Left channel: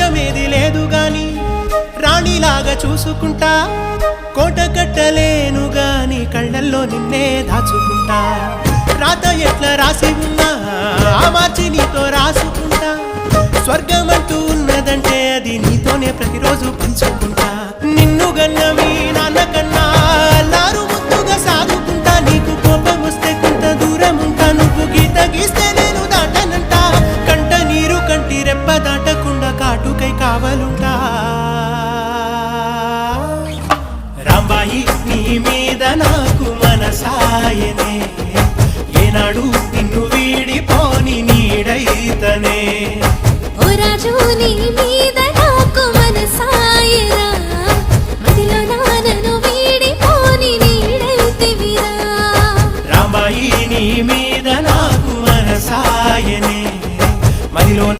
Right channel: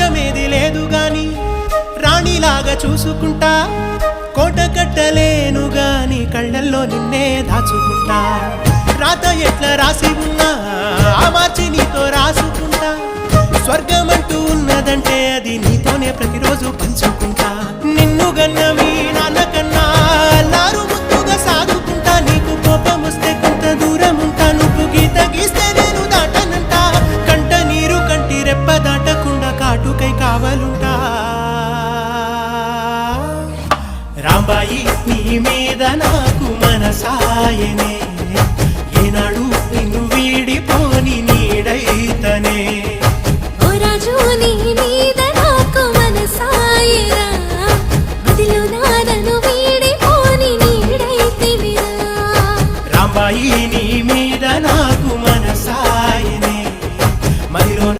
రాజ్యమేది లేదు గాని రాణిలాగా చూసుకుంటా కోట కట్టలేను గాని కళ్ళల్లో నిన్నే దాచుకుంటా రాత ఎట్లా రాసి ఉన్నా ఆ మార్చి నీతో రాసుకుంటా స్వర్గమంటూ ఉన్నదంటే అది నీతోనే ప్రతిరోజు పంచుకుంటా నిన్ను గన్న మీ నాన్న కన్నా లారు ముద్దుగా సాదుకుంటా నీకు కోపం వస్తే కొంత దూరం ఉంటా నువ్వు గీత గీస్తే నేను దాటనంట కంట నీరు కంటి రెప్ప దాటకుండా కాటుకై కావలుంటా రాంబాయి నీ మీద నాకు మనసాయనే ఏనాడు నిన్ను వీడిపోని నీడైతనే ఓ రాజు నీ మీద